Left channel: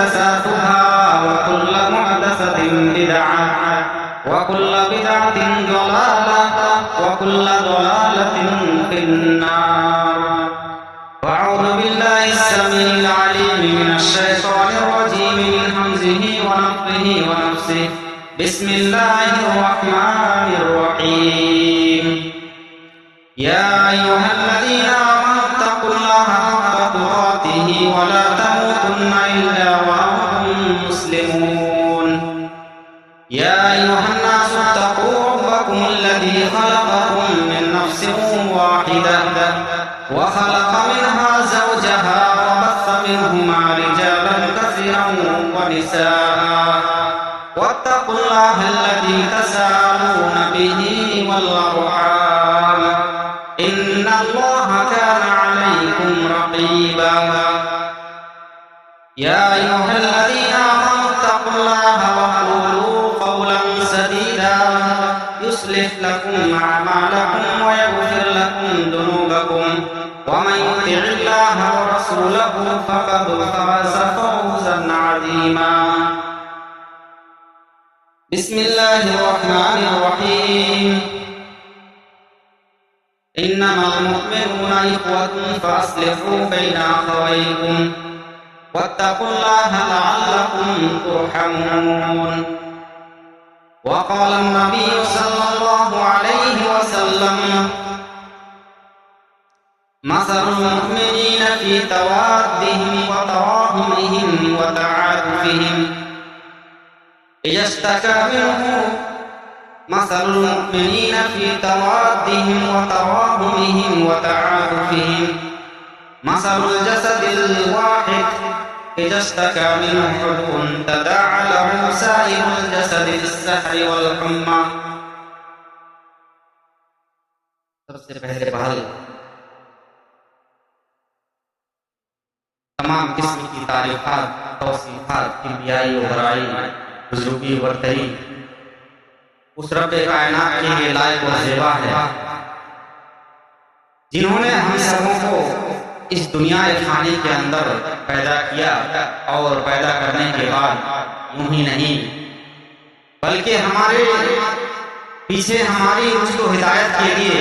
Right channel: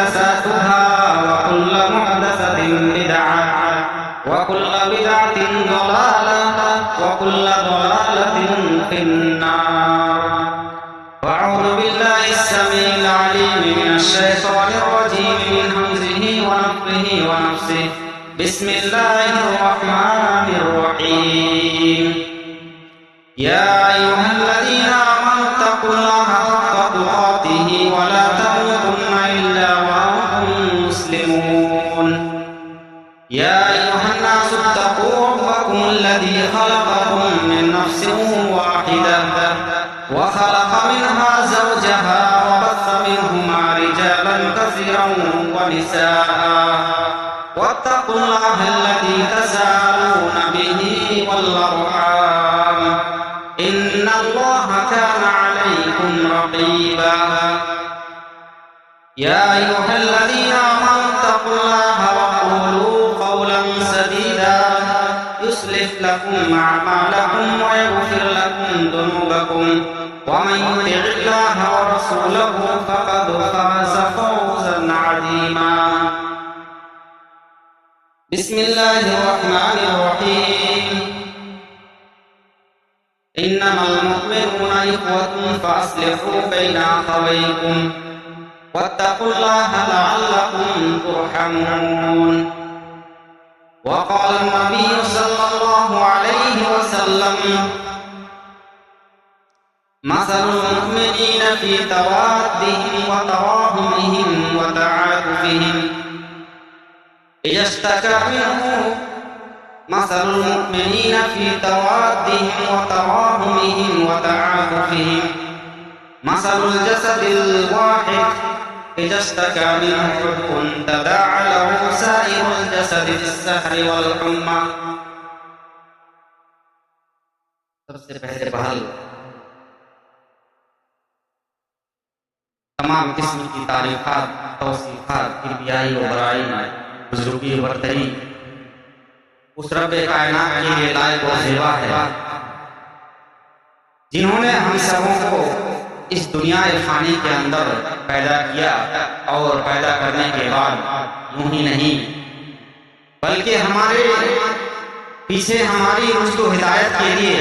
محدثاتها وكل محدثة بدعة وكل بدعة ضلالة وكل ضلالة في النار. وأعوذ بالله السميع العليم من الشيطان الرجيم من همزه ونفخه ونفسه. بسم الله الرحمن الرحيم. يا أيها الذين آمنوا اتقوا الله حق تقاته ولا تموتن إلا وأنتم مسلمون. يا أيها الناس اتقوا ربكم الذي خلقكم من نفس واحدة وخلق منها زوجها وبث منهما رجالا كثيرا ونساء واتقوا الله الذي تساءلون به والأرحام إن الله كان عليكم رقيبا. يا أيها الذين آمنوا اتقوا الله وقولوا قولا سديدا يصلح لكم أعمالكم ويغفر لكم ذنوبكم ومن يطع الله ورسوله فقد فاز فوزا عظيما. بسم الله الرحمن الرحيم. إنما المؤمنون إخوة فأصلحوا بين أخويكم واتقوا الله لعلكم ترحمون. وقال النبي صلى الله عليه وسلم: مثل المؤمنين في توادهم وتراحمهم وتعاطفهم إذا اشتكى منه مثل المؤمنين في توادهم وتراحمهم وتعاطفهم مثل الجسد الواحد إذا اشتكى منه عضو تداعى له سائر الجسد بالسحر والحمى. سب سے پہلے بحال تمام قسم کی تعریفات، توصیفات، کبریائی و برائی، بزرگی و برتری اس رب کائنات کے لیے لائق و زیبا ہے جنہوں نے ہم سبوں کو اس دنیا فانی کے اندر پیدا کیا اور پیدا کرنے کے بعد یوں ہی نہیں بلکہ ہمارے پیچھے ہماری رشد و ہدایت کے لیے،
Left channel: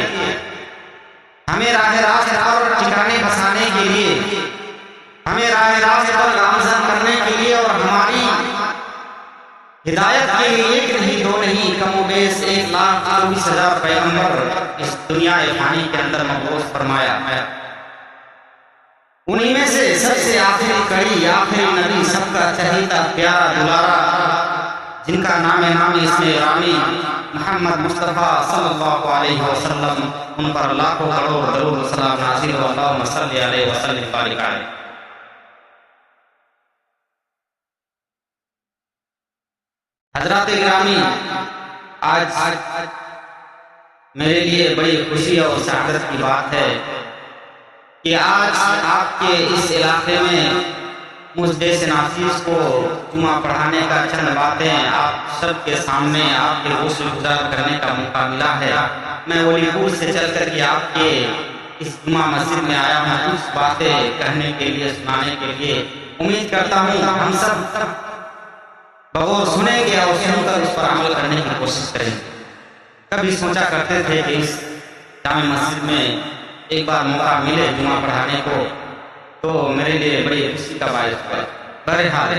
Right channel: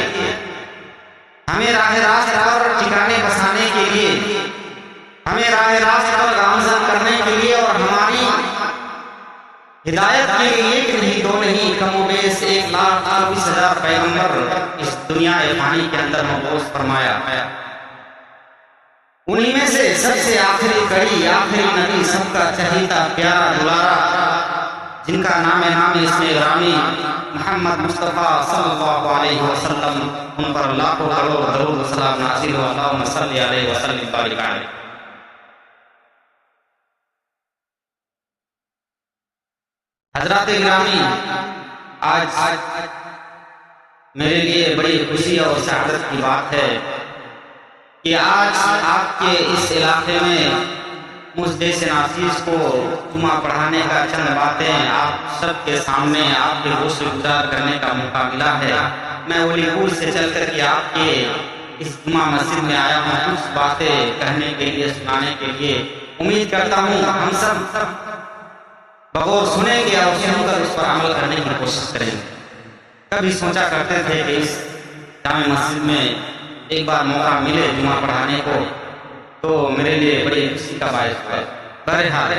ہمیں راہ راست پر ٹھکانے بسانے کے لیے، ہمیں راہ راست پر گامزن کرنے کے لیے اور ہماری ہدایت کے لیے ایک نہیں دو نہیں کم و بیش 1,24,000 پیغمبر اس دنیا فانی کے اندر مبعوث فرمایا. انہی میں سے سب سے آخری کڑی، آخری نبی، سب کا چہیتا پیارا دلارا، جن کا نام اسم گرامی محمد مصطفیٰ صلی اللہ علیہ وسلم، ان پر لاکھوں کروڑ درود و سلام نازل ہو. اللہم صلی علیہ وسلم بارک علیہ. حضرات گرامی، آج میرے لیے بڑی خوشی اور سعادت کی بات ہے کہ آج آپ کے اس علاقے میں مجھ جیسے ناصیس کو جمعہ پڑھانے کا چند باتیں آپ سب کے سامنے آپ کے غسل گزار کرنے کا موقع ملا ہے. میں ولی پور سے چل کر کے آپ کے اس جمعہ مسجد میں آیا ہوں کچھ باتیں کہنے کے لیے، سنانے کے لیے. امید کرتا ہوں ہم سب بغور سنیں گے اور سن کر اس پر عمل کرنے کی کوشش کریں گے. کبھی سوچا کرتے تھے کہ اس جامع مسجد میں ایک بار موقع ملے جمعہ پڑھانے کو تو میرے لیے بڑی خوشی کا باعث ہوا. بہرحال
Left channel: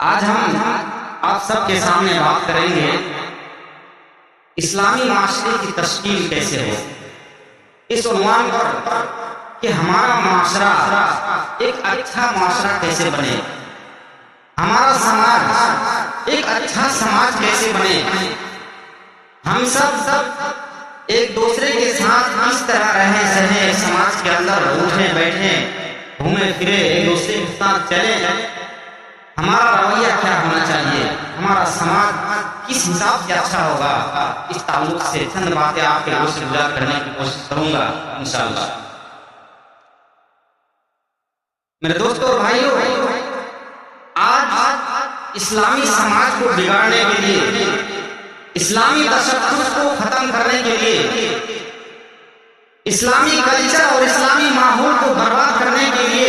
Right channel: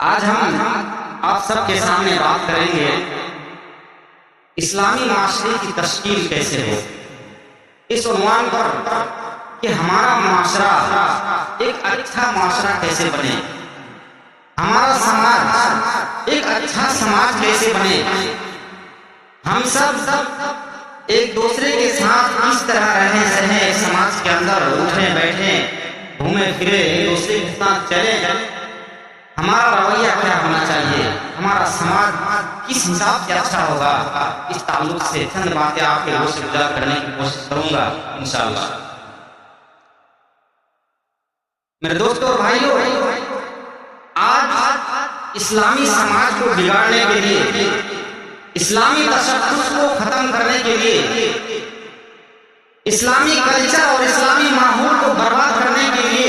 آج ہم آپ سب کے سامنے بات کریں گے اسلامی معاشرے کی تشکیل کیسے ہو، اس عنوان پر کہ ہمارا معاشرہ ایک اچھا معاشرہ کیسے بنے، ہمارا سماج ایک اچھا سماج کیسے بنے، ہم سب ایک دوسرے کے ساتھ کس طرح رہیں سہیں ایک سماج کے اندر، اٹھیں بیٹھیں گھومیں پھریں ایک دوسرے کے ساتھ چلیں. ہمارا رویہ کیا ہونا چاہیے، ہمارا سماج کس حساب سے اچھا ہوگا، اس تعلق سے چند باتیں آپ کے روز سے گزار کرنے کی کوشش کروں گا انشاءاللہ. میرے دوستوں اور بھائیوں، آج اسلامی سماج کو بگاڑنے کے لیے، اسلامی تشخص کو ختم کرنے کے لیے، اسلامی کلچر اور اسلامی ماحول کو برباد کرنے کے لیے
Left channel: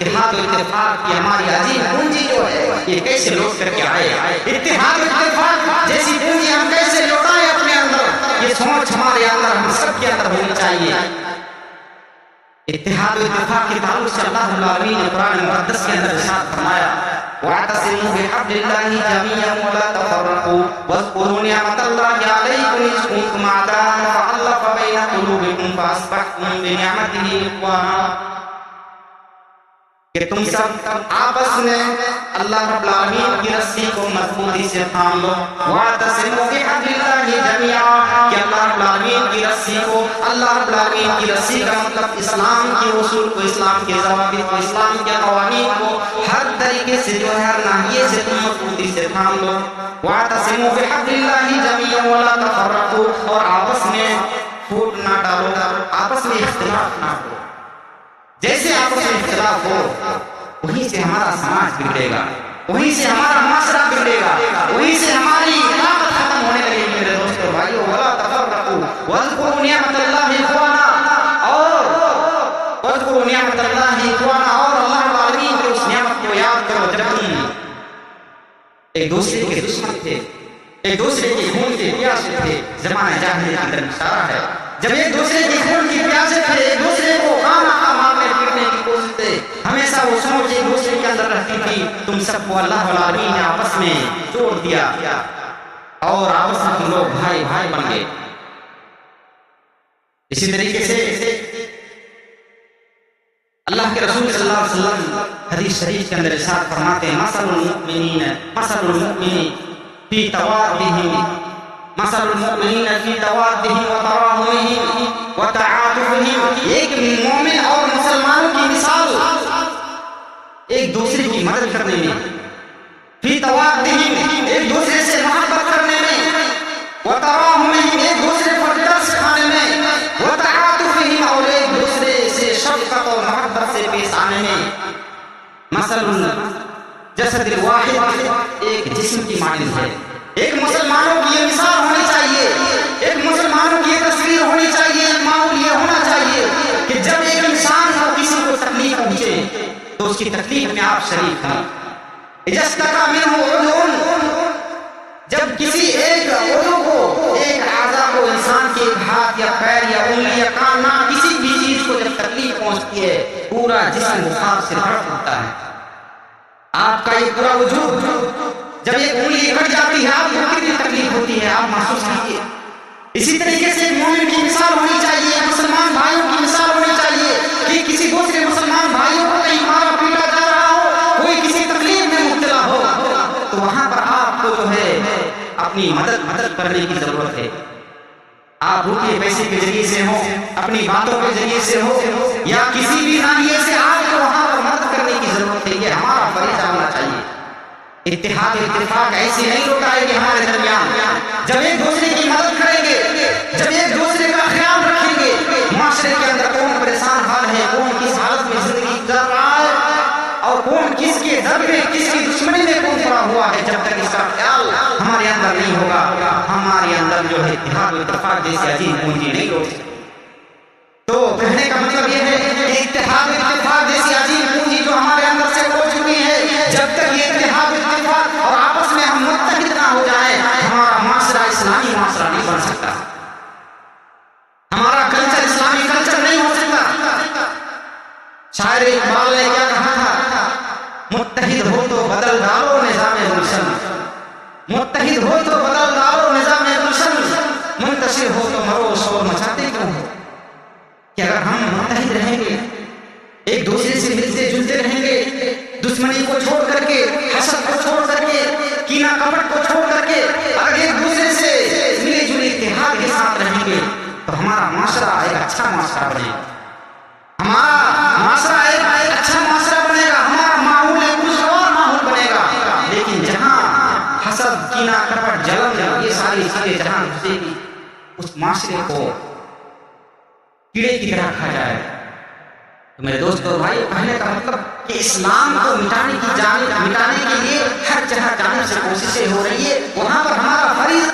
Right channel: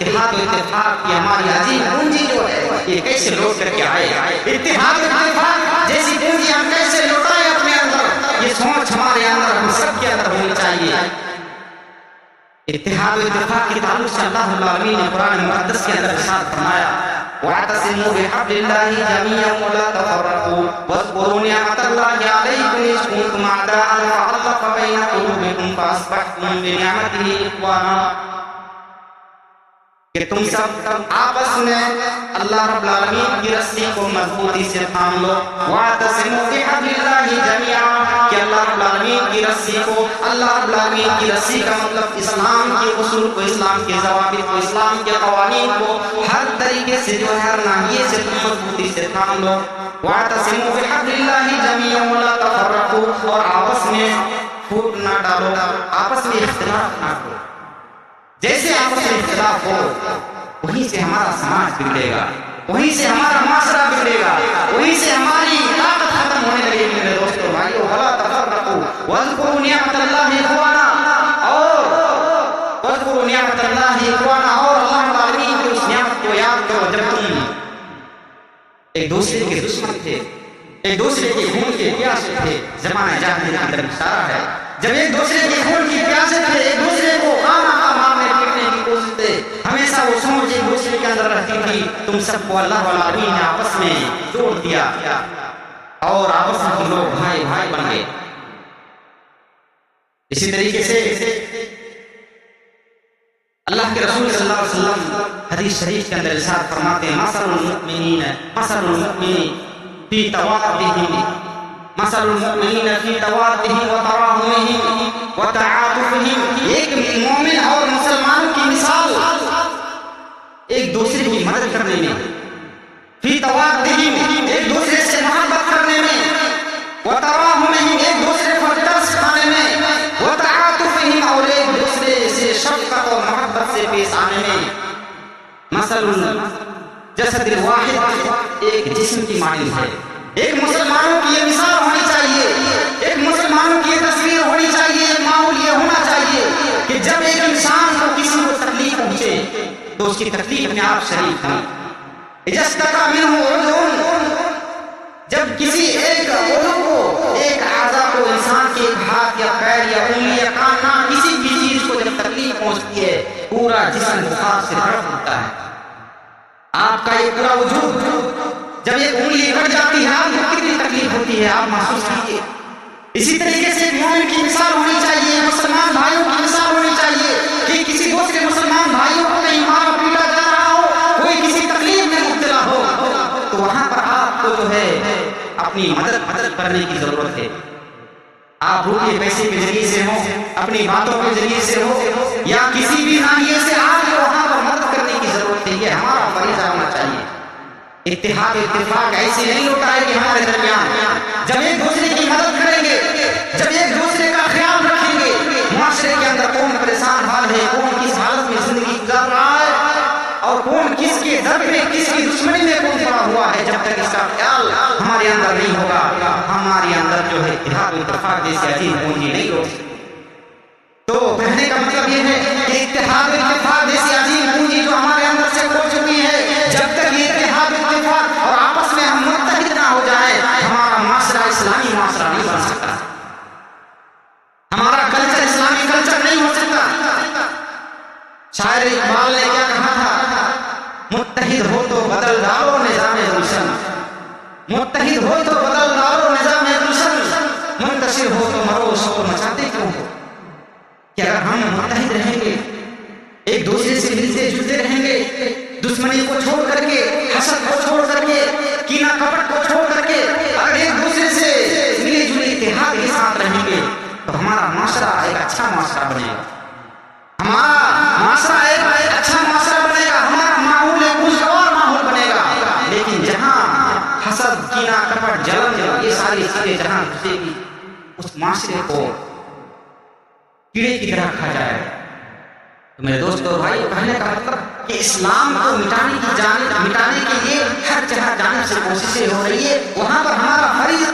اتحاد و اتفاق کی ہماری عظیم پونجی جو ہے یہ کیسے لوٹ کر کے آئے؟ اتحاد و اتفاق جیسی پونجی ہم کیسے لوٹائیں اپنے اندر؟ یہ سوچ ہمارے اندر، ہم سب کے اندر ہونی چاہیے۔ اتحاد و اتفاق کے تعلق سے اللہ رب العالمین نے قرآن مقدس کے اندر ارشاد فرمایا وَاعْتَصِمُوا بِحَبْلِ اللَّهِ جَمِيعًا وَلَا تَفَرَّقُوا وَاذْكُرُوا نِعْمَةَ اللَّهِ عَلَيْكُمْ إِذْ كُنتُمْ أَعْدَاءً فَأَلَّفَ بَيْنَ قُلُوبِكُمْ فَأَصْبَحْتُمْ بِنِعْمَتِهِ إِخْوَانًا، کہ تم سب آپس میں اللہ رب العالمین کی رسی کو مضبوطی سے تھام لو۔ وَاعْتَصِمُوا بِحَبْلِ اللَّهِ جَمِيعًا، کہ اللہ رب العالمین کی رسی کو، اللہ رب العالمین کی رسی کا مطلب اسلام کے اصول کو، اسلام کے ضوابط کو، اسلام کے قوانین کو ہر طریقے سے جو ہے ہر ناحیے سے تم مضبوطی سے تھام لو۔ وَاعْتَصِمُوا بِحَبْلِ اللَّهِ جَمِيعًا وَلَا تَفَرَّقُوا، اور آپس میں پھوٹ نہ ڈالو، آپس میں اختلاف نہ کرو۔ جیسے آپس میں اختلاف ہو وہیں سے ہمارا سماج بگڑے گا، وہیں سے ہمارا معاشرہ بگڑے گا، وہیں سے ہماری طاقت ختم ہونے لگے گی۔ میرے دوستو بھائیو، وَلَا تَفَرَّقُوا وَاذْكُرُوا نِعْمَةَ اللَّهِ إِخْوَانًا، اور وَاذْكُرُوا نِعْمَةَ اللَّهِ إِخْوَانًا، اور اللہ رب العالمین کی اس نعمت کو یاد کرو جب تم ایک دوسرے کے دشمن تھے، ایک دوسرے کے خون کے پیاسے تھے۔ زمانہ جاہلیت کی طرف اشارہ ہے، جب ایک دوسرے کے خون کی پیاسے تھے، ایک دوسرے کو خامہ خواہ مارنے پیٹنے کی کوشش تھے، ہمیشہ وہ سوچ ایک دوسرے کے اندر رہتی تھی۔ تم سب کو اللہ العالمین نے آپس میں جوڑ دیا اور آپس میں تم لوگ بھائی بھائی بن گئے۔ اسی طریقے سے اللہ کے رسول صلی اللہ علیہ وسلم حدیث شریف کے اندر ارشاد فرماتے ہیں مثل المؤمنین فی توادہم، مثل المؤمنین فی توادہم وتراحمہم وتعاطفہم، ایک مومن اور مسلمانوں کی مثال ایک دوسرے کی مدد کرنے میں، فی توادہم ایک دوسرے سے محبت کرنے میں، وتراحمہم ایک دوسرے پر ترس کھانے میں، وتعاطفہم اور ایک دوسرے سے شفقت اور محبت سے پیش آنے میں۔ مثل الجسد الواحد، ایک جسم کی مانند ہے۔ ایک مسلمانوں کی یہ مثال ہونی چاہیے، ایک مسلمانوں کی یہ تصویر ہونی چاہیے، ایک ماحول یہ ہونا چاہیے کہ جب ایک انسان کو کسی کو تکلیف پہنچے تو اس کی تکلیف میں آپ شریک ہیں۔ اذا اشتكى منه عضو، جب کسی ایک عضو کو، ایک اعضاء کو، انسان کے ایک ہاتھ یا پیر یا انگلی یا کان، نہ کسی بھی چیز کو جب تکلیف پہنچتی ہے پورا جسم بخار سے تڑپ اٹھتا ہے۔ آپ کا یہ پورا وجود، جب ایک انگلی کٹ جاتی ہے آپ کو کتنی تکلیف ہوتی ہے، آپ محسوس کیجیے۔ اسی طریقے سے ایک مومن کی مثال ہونی چاہیے، مسلمان بھائیوں کی مثال ہونی چاہیے کہ کسی دوسرے مسلمان بھائیوں کو کہیں مارا پیٹا جا رہا ہو، کوئی کسی تکلیف میں مبتلا ہو تو وہاں پر آپ کو جو ہے اپنی مدد کرنے کی ضرورت ہے۔ آپ روپے پیسے کے ذریعے سے ہو، اپنی باتوں کے ذریعے سے ہو، یا کسی بھی ناحیے سے آپ کو وہاں پر مدد کرنے کی ضرورت ہے، یہ ہمارا فریضہ ہونا چاہیے۔ اتحاد اتفاق ایسے نہیں لوٹائے کہ ہمارے درمیان جب ایک دوسرے کی مدد کریں گے، جب ایک دوسرے کا خیال رکھیں گے، معاشرے کے اندر کون پریشان حال ہے، کون کس حالت میں زندگی گزار رہا ہے اور کون کس کے در پہ، کس کی دشمنی میں کون پڑا ہوا ہے، جب تک اس کا خیال ہمارے اندر نہیں ہوگا ہمارے اندر جو ہے اتحاد و اتفاق جیسی عظیم پونجی نہیں لوٹ سکتی۔ تو کہنے کا مطلب یہ ہے کہ اتحاد و اتفاق جیسی عظیم پونجی جو ہمارے اندر سے کھو چکی ہے، جب تک یہ اتحاد و اتفاق اور آپس میں ہم متحد نہ ہو جائیں ہمارا معاشرہ اسلامی معاشرہ نہیں بن سکتا، ہمارا کلچر اسلامی کلچر نہیں ہو سکتا۔ شاعر اقبال نے کیا کہا تھا، متحد ہو تو بدل ڈالو نظام گلشن، متحد ہو تو بدل ڈالو نظام گلشن، منتشر ہو تو مرو شور مچاتے کیوں ہو۔ کہ اگر ہم متحد رہیں گے، ایک دوسرے سے ملتے جلتے رہیں گے، دشمنی کو چھوڑ کر کے، حسد کو چھوڑ کر کے، کینہ کپٹ کو چھوڑ کر کے اگر ایک دوسرے سے ملے جلے اتحاد کے ساتھ رہیں گے تو ہمارا معاشرہ ایک اچھا معاشرہ بنے گا، ہمارا معاشرہ ایک اچھا معاشرہ بنے گا، ہمارا ماحول ایک خوشگوار ماحول بنے گا۔ لیکن جہاں حسد، کینہ کپٹ، جلن، یہ ساری چیزیں جہاں گھسے گی اس معاشرے کو کیڑے کی طرح کھا جائے۔ تو میرے دوستو بھائیو، کہنے کا مطلب کہ اسلام کو مٹانے کے لیے ہر جانب سے کوششیں ہو رہی ہے، وہاں پر ہمارا فریضہ